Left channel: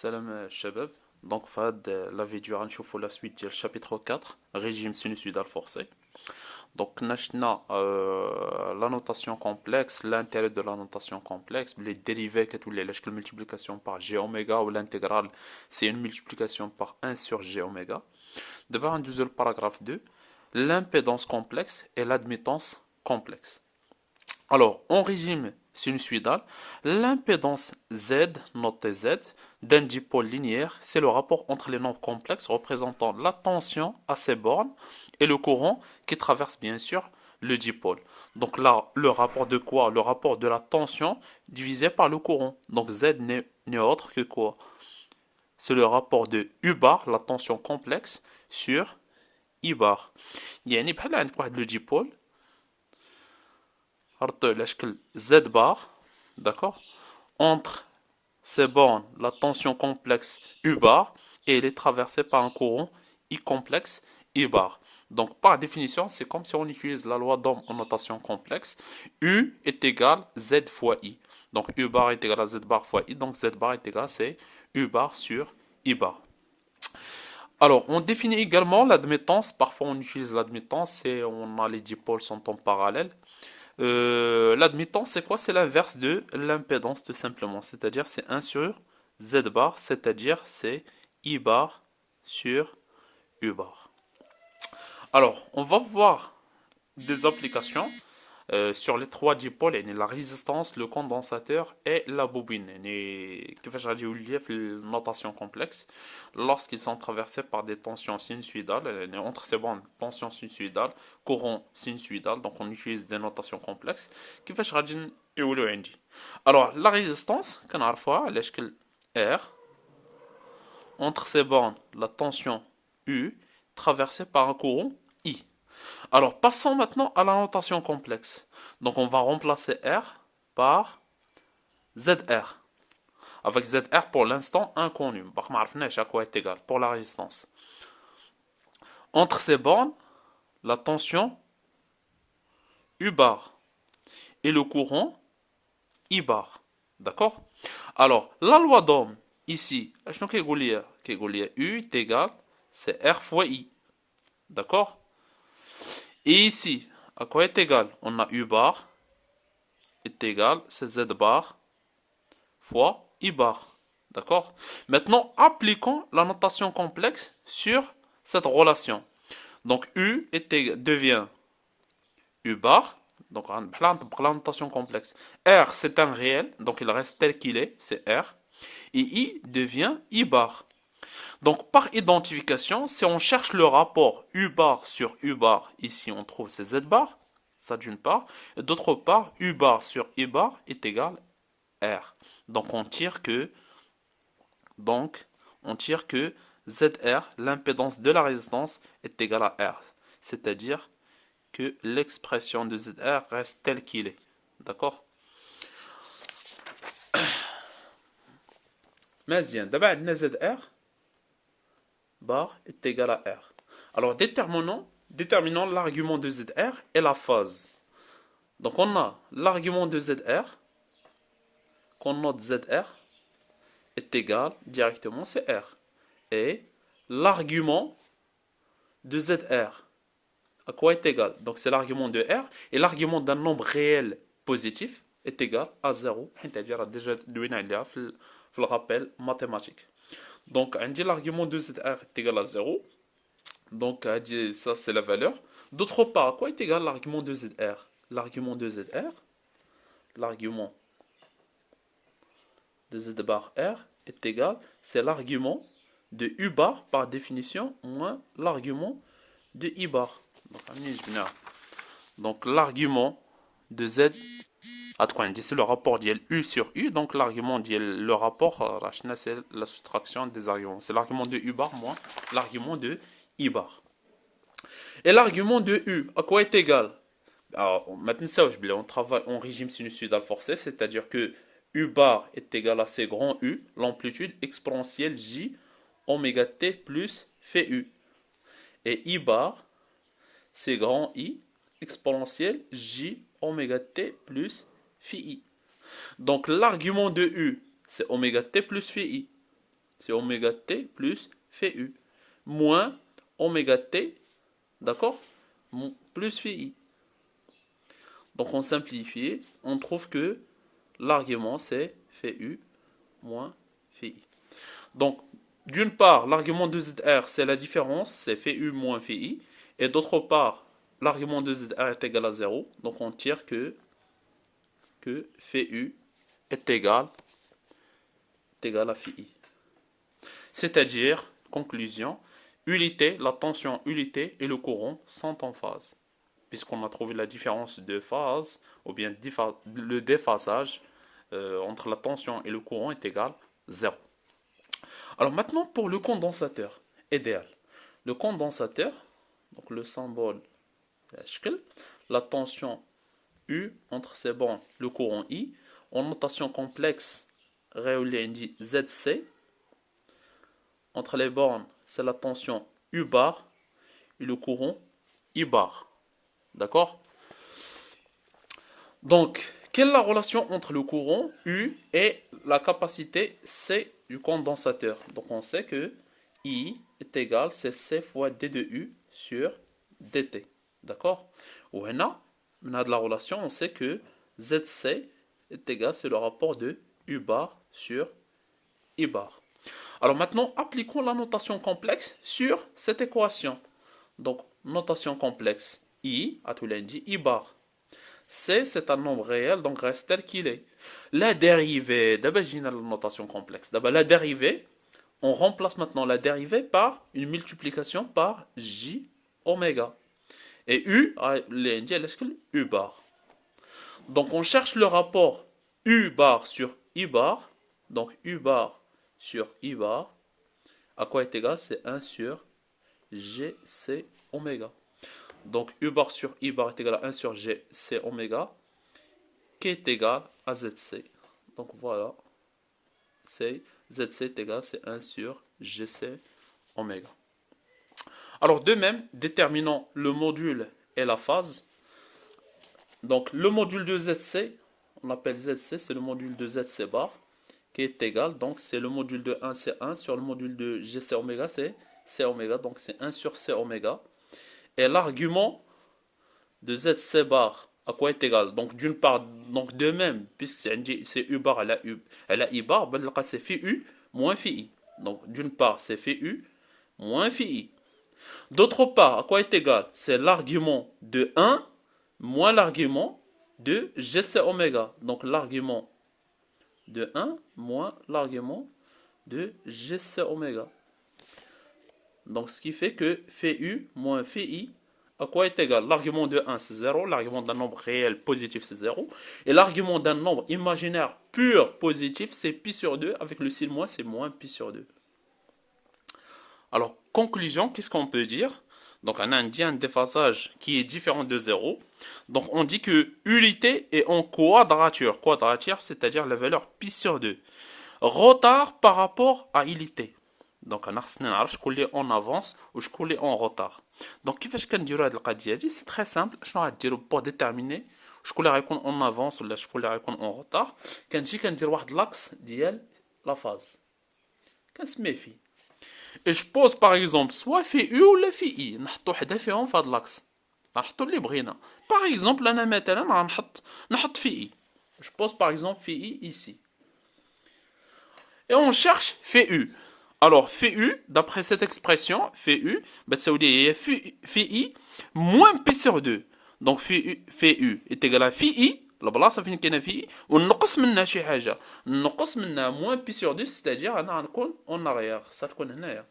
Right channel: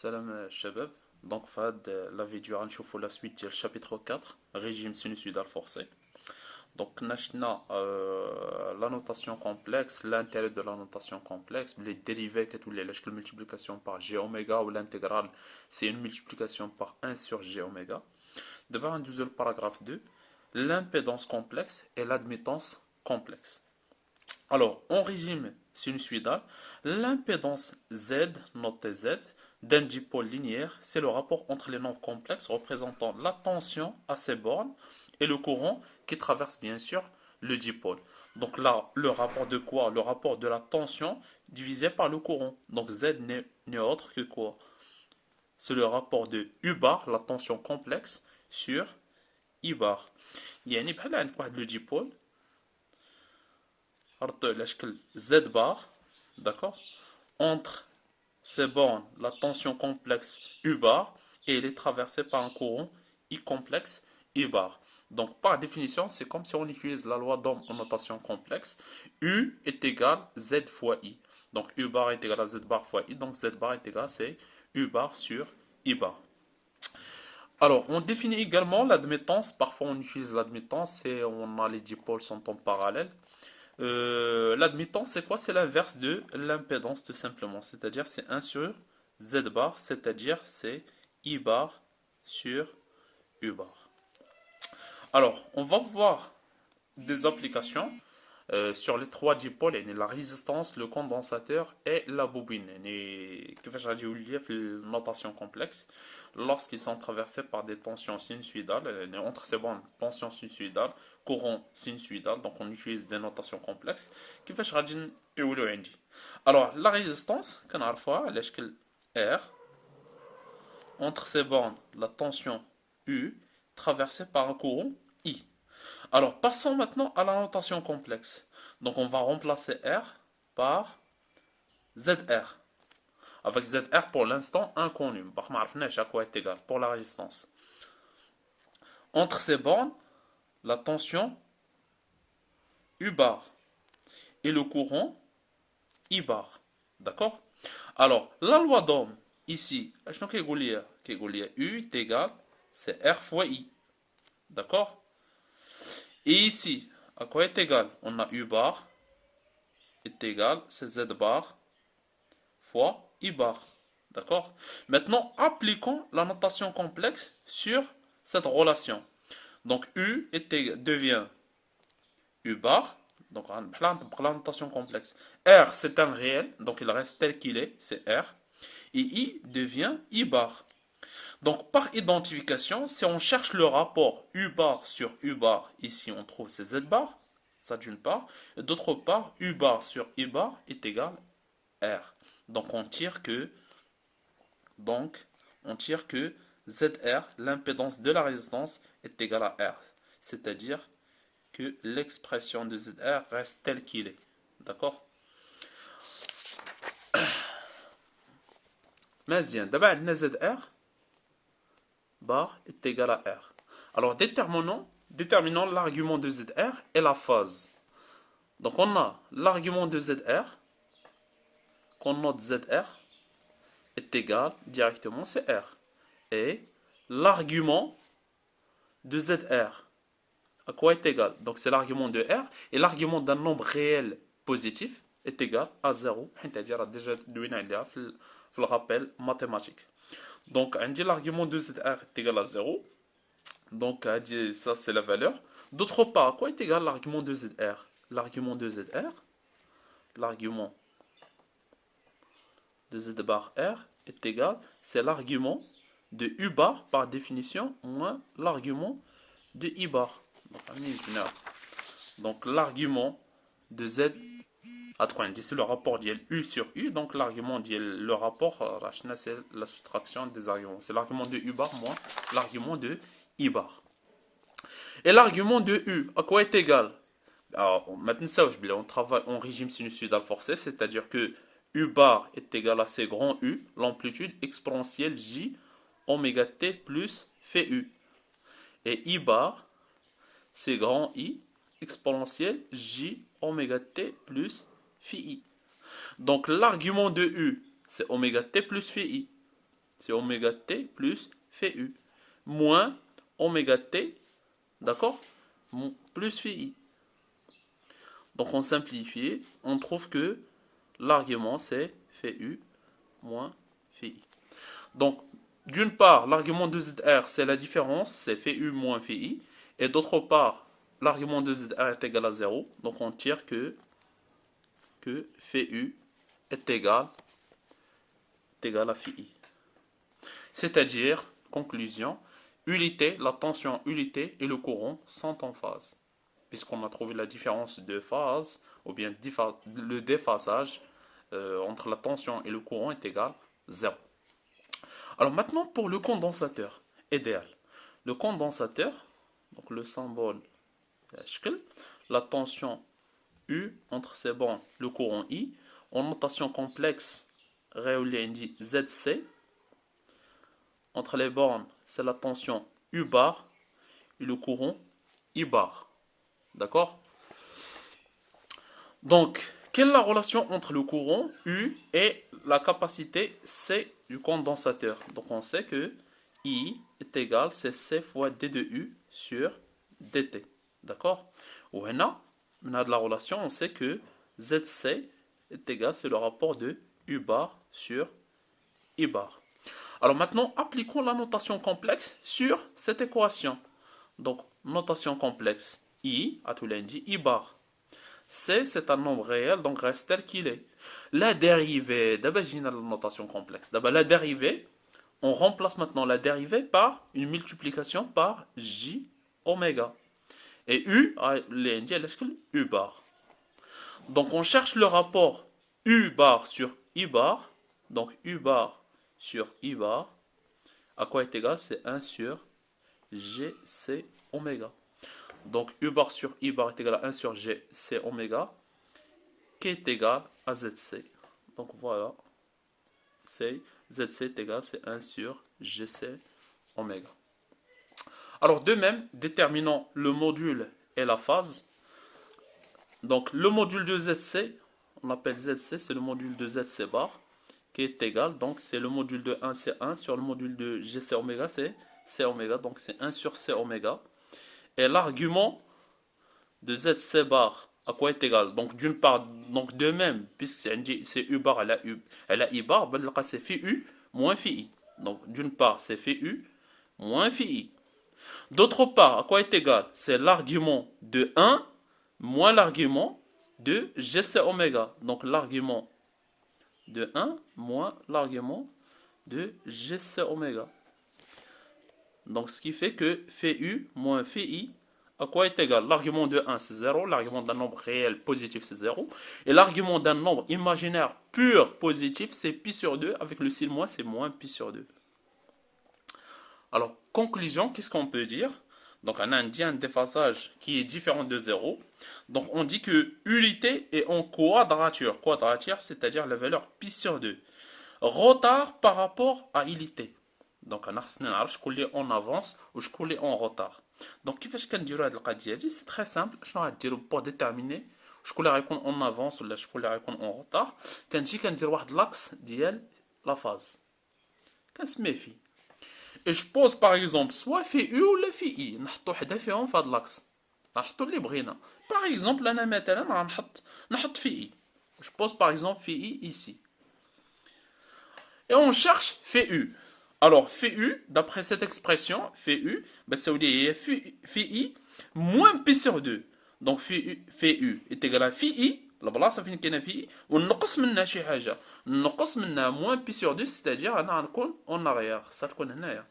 Salam Shabab. Donc, Fad, la vidéo, on la suite du chapitre 4, régime sinusoïdal forcé. Donc, nashna la notation complexe, l'intérêt de la notation complexe, les dérivés que tous les la multiplication par g oméga ou l'intégrale, c'est une multiplication par 1 sur g oméga. D'abord, un deuxième paragraphe 2, l'impédance complexe et l'admittance complexe. Alors, en régime sinusoïdal, l'impédance Z, notée Z, d'un dipôle linéaire, c'est le rapport entre les nombres complexes représentant la tension à ces bornes et le courant qui traverse bien sûr le dipôle. Donc là, le rapport de quoi? Le rapport de la tension divisé par le courant. Donc Z n'est autre que quoi? C'est le rapport de U bar, la tension complexe, sur I bar. يعني بحال عندك واحد لو dipôle Z bar, d'accord, entre ces bornes, la tension complexe U bar, et elle est traversée par un courant I complexe I bar. Donc, par définition, c'est comme si on utilise la loi d'Ohm en notation complexe. U est égal Z fois I. Donc, U bar est égal à Z bar fois I. Donc, Z bar est égal à U bar sur I bar. Alors, on définit également l'admittance. Parfois, on utilise l'admittance et on a les dipôles sont en parallèle. L'admittance, c'est quoi? C'est l'inverse de l'impédance, tout simplement. C'est-à-dire, c'est 1 sur Z bar, c'est-à-dire, c'est I bar sur U bar. Alors, on va voir des applications sur les trois dipôles, la résistance, le condensateur et la bobine. كيفاش غادي يولي في النوtation complexe lorsqu'ils sont traversés par des tensions sinusoïdales entre ces bandes tension sinusoïdale courant sinusoïdal, donc on utilise des notations complexes كيفاش غادي يولوا عندي. Alors la résistance كنعرفوها على شكل R entre ces bandes la tension U traversée par un courant I. Alors, passons maintenant à la notation complexe. Donc, on va remplacer R par ZR. Avec ZR pour l'instant inconnu. À quoi est égal pour la résistance. Entre ces bornes, la tension U bar et le courant I bar. D'accord? Alors, la loi d'Ohm, ici, U est égal, c'est R fois I. D'accord? Et ici, à quoi est égal? On a U bar est égal, c'est Z bar fois I bar. D'accord? Maintenant, appliquons la notation complexe sur cette relation. Donc, devient U bar. Donc, pour la notation complexe. R, c'est un réel. Donc, il reste tel qu'il est. C'est R. Et I devient I bar. Donc, par identification, si on cherche le rapport U bar sur U bar, ici, on trouve c'est Z bar. Ça d'une part. Et d'autre part, U bar sur I bar est égal R. Donc on tire que ZR, l'impédance de la résistance, est égale à R. C'est-à-dire que l'expression de ZR reste telle qu'il est. D'accord? مزيان دابا عندنا ZR bar est égal à R. Alors déterminons l'argument de ZR et la phase. Donc on a l'argument de ZR qu'on note ZR est égal directement, c'est R. Et l'argument de ZR, à quoi est égal? Donc c'est l'argument de R, et l'argument d'un nombre réel positif est égal à 0, c'est-à-dire déjà le rappel mathématique. Donc on dit l'argument de ZR est égal à 0, donc ça c'est la valeur. D'autre part, à quoi est égal l'argument de ZR? L'argument de ZR, l'argument de Z bar R est égal, c'est l'argument de U bar par définition moins l'argument de I bar. Donc l'argument de Z, c'est le rapport d'IL U sur U, donc l'argument d'IL, le rapport, c'est la soustraction des arguments. C'est l'argument de U bar moins l'argument de I bar. Et l'argument de U, à quoi est égal? Alors, maintenant, on travaille en régime sinusoïdal forcé, c'est-à-dire que U bar est égal à C grand U, l'amplitude exponentielle J oméga T plus phi U. Et I bar, c'est grand I exponentielle J oméga T plus phi I. Donc l'argument de U, c'est oméga T plus phi I. c'est oméga T plus phi U, moins oméga T, d'accord, plus phi I. Donc on simplifie, on trouve que l'argument c'est phi U moins phi I. Donc, d'une part, l'argument de ZR, c'est la différence, c'est phi U moins phi I. Et d'autre part, l'argument de ZR est égal à 0. Donc, on tire que phi U est égal à phi I. C'est-à-dire, conclusion, unité, la tension unité et le courant sont en phase. Puisqu'on a trouvé la différence de phase, ou bien le déphasage entre la tension et le courant est égal à 0. Alors maintenant pour le condensateur idéal. Le condensateur, donc le symbole la tension U entre ces bandes, le courant I, en notation complexe, dit ZC. Entre les bornes, c'est la tension U bar et le courant I bar. D'accord? Donc, quelle est la relation entre le courant U et la capacité C du condensateur? Donc, on sait que I est égal, c'est C fois D de U sur DT. D'accord? Ou on a de la relation, on sait que ZC est égal, c'est le rapport de U bar sur I bar. Alors maintenant, appliquons la notation complexe sur cette équation. Donc, notation complexe, I, à tout lundi, I bar. C, c'est un nombre réel, donc reste tel qu'il est. La dérivée, d'abord j'ai la notation complexe. D'abord la dérivée, on remplace maintenant la dérivée par une multiplication par J oméga. Et U, U bar. Donc on cherche le rapport U bar sur I bar. Donc U bar sur I bar. À quoi est égal? C'est 1 sur GC oméga. Donc U bar sur I bar est égal à 1 sur GC oméga, qui est égal à ZC. Donc voilà, ZC est égal, c'est 1 sur GC oméga. Alors de même, déterminons le module et la phase. Donc le module de ZC, on appelle ZC, c'est le module de ZC bar, qui est égal, donc c'est le module de 1, c'est 1, sur le module de GC oméga, c'est C oméga, donc c'est 1 sur C oméga. Et l'argument de ZC bar à quoi est égal? Donc d'une part, donc de même, puisque c'est U bar, elle a I bar, c'est phi U moins phi I. Donc d'une part, c'est phi U moins phi I. D'autre part, à quoi est égal? C'est l'argument de 1 moins l'argument de GC oméga. Donc l'argument de 1 moins l'argument de GC oméga. Donc ce qui fait que phi U moins phi I à quoi est égal? L'argument de 1 c'est 0, l'argument d'un nombre réel positif c'est 0, et l'argument d'un nombre imaginaire pur positif c'est pi sur 2, avec le signe moins c'est moins pi sur 2. Alors, conclusion, qu'est-ce qu'on peut dire? Donc on a dit un déphasage qui est différent de 0. Donc on dit que unité est en quadrature. Quadrature, c'est-à-dire la valeur pi sur 2. Retard par rapport à unité. Donc on a شكون en avance ou شكون en retard. Donc كيفاش كنديروا هذه القضيه هذه؟ سي très simple. شنو غديروا pour déterminer شكون اللي غيكون en avance ولا شكون اللي غيكون en retard؟ كندير واحد لاكس ديال لا فاز كنسميه فيه. Et je pose par exemple soit phi U ou la phi I. نحطوا حدا فيهم في هذا l'axe. نحطوا اللي بغينا. Par exemple انا مثلا نحط phi I. Je pose par exemple phi I ici. Et on cherche phi U. Alors, phi U, d'après cette expression, phi U, ça veut dire phi I moins pi sur 2. Donc, phi U est égal à phi I, البلاصه فين كاينه في I, ونقص منها شي حاجه. نقص منها moins pi sur 2, c'est-à-dire انا غنكون en arrière. تكون هنايا.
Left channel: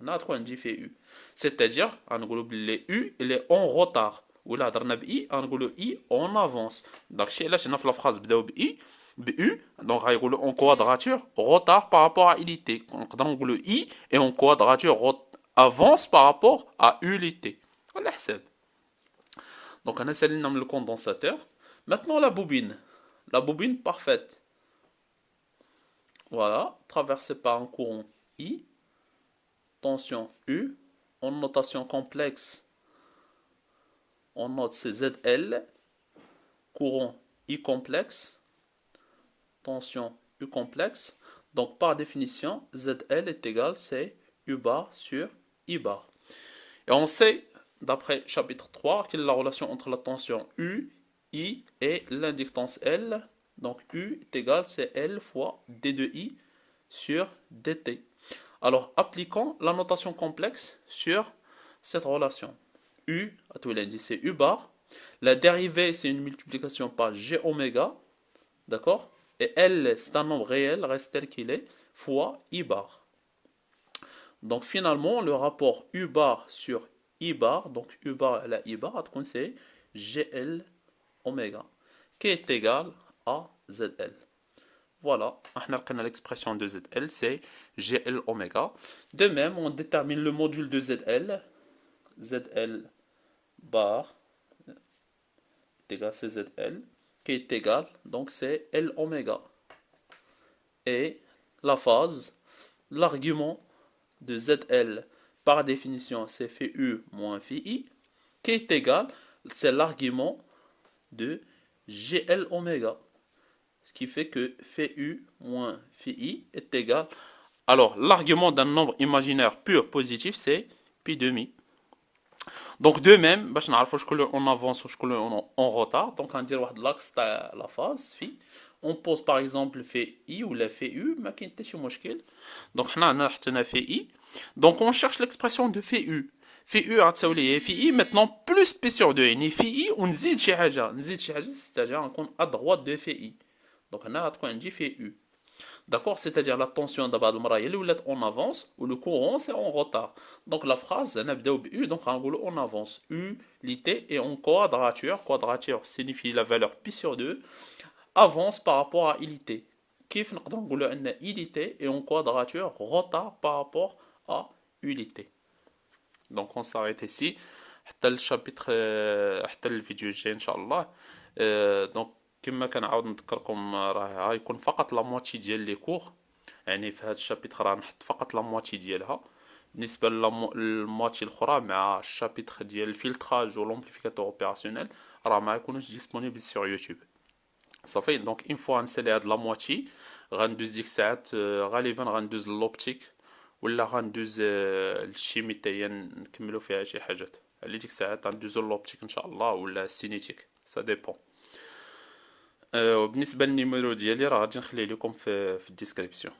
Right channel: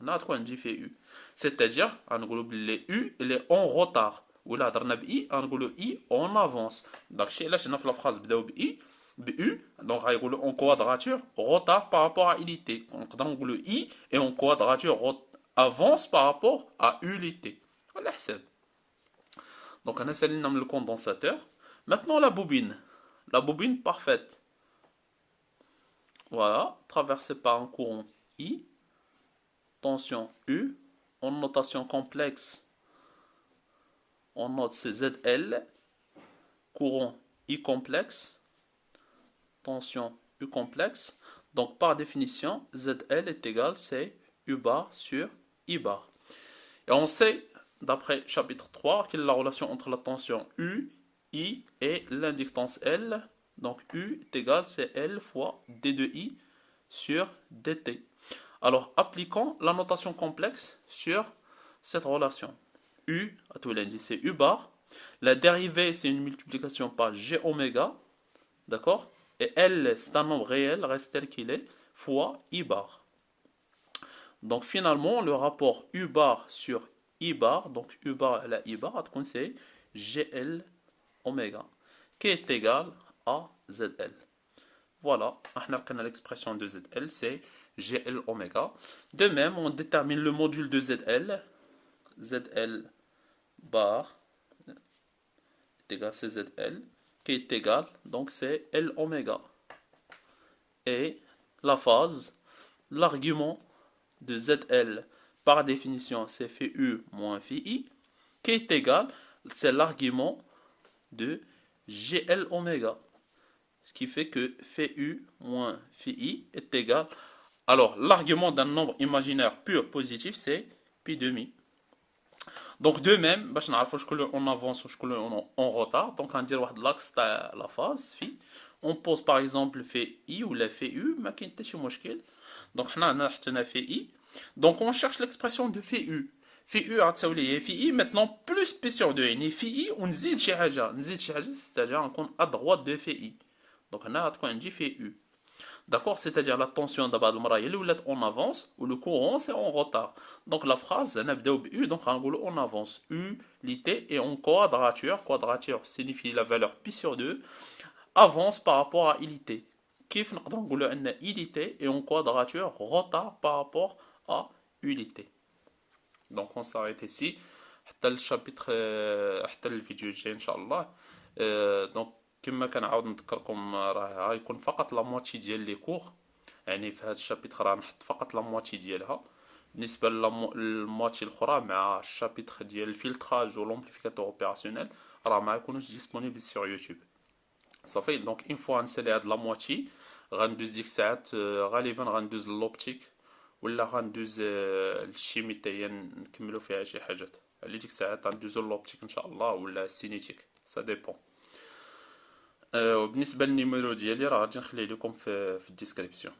انا غتكون عندي phi U. C'est-à-dire غنقولوا بلي U il est en retard. ولا هضرنا ب I غنقولوا I en avance. داكشي علاش هنا في لا فراز بداو ب I. U, donc en quadrature, retard par rapport à unité. Donc le I est en quadrature, avance par rapport à unité. Voilà. Donc on a le condensateur. Maintenant la bobine. La bobine parfaite. Voilà, traversée par un courant I, tension U, en notation complexe, on note c'est ZL, courant I complexe, tension U complexe. Donc par définition, ZL est égal, c'est U bar sur I bar. Et on sait, d'après chapitre 3, quelle est la relation entre la tension U, I et l'inductance L. Donc U est égal, c'est L fois D de I sur dt. Alors appliquons la notation complexe sur cette relation. U, à tout l'indice, c'est U bar. La dérivée, c'est une multiplication par G oméga. D'accord? Et L, c'est un nombre réel, reste tel qu'il est, fois I bar. Donc finalement, le rapport U bar sur I bar, donc U bar et la I bar, c'est GL oméga, qui est égal à ZL. Voilà, on a l'expression de ZL, c'est GL oméga. De même, on détermine le module de ZL. ZL bar est égal à ZL, qui est égal, donc c'est L oméga. Et la phase, l'argument de ZL, par définition, c'est phi U moins phi I, qui est égal, c'est l'argument de GL oméga. Ce qui fait que phi U moins phi I est égal. Alors, l'argument d'un nombre imaginaire pur positif, c'est pi demi. Donc, de même, on avance ou en retard. Donc, on dit l'axe de la phase, phi. On pose par exemple phi I ou la phi U, mais qui est مشكل. Donc, on a phi I. Donc, on cherche l'expression de phi U. Phi U غتساوي phi I maintenant plus P sur 2. يعني phi I ونزيد شي حاجة. نزيد شي حاجة, c'est-à-dire نكون à droite de phi I. Donc, هنا غتكون عندي phi U. D'accord? C'est-à-dire la tension d'abord en avance ou le courant c'est en retard. Donc la phrase, U, donc on avance. U, l'ité et en quadrature. Quadrature signifie la valeur pi sur 2. Avance par rapport à ilité. Kif نقدر أن ilité et en quadrature retard par rapport à unité. Donc on s'arrête ici. حتى الشابتر حتى الفيديو الجاي إن شاء الله. Donc كما كنعاود نذكركم راه غيكون فقط لا موتي ديال لي كور. يعني في هذا الشابتر غنحط فقط لا موتي ديالها. بالنسبه للموتي الاخرى مع الشابتر ديال الفلتراج و لومبليفيكاتور اوبيراسيونيل راه ما يكونوش ديسپونيبل سور يوتيوب. صافي دونك اون فوا نسالي هاد لا موتي غندوز ديك الساعات غالبا غندوز لوبتيك ولا غندوز الشيمي حتى هي نكملو فيها شي حاجات. اللي ديك الساعات غندوزو لوبتيك ان شاء الله ولا السينيتيك سا ديبون. وبالنسبه للنيميرو ديالي راه غادي نخليه لكم في الديسكريبسيون.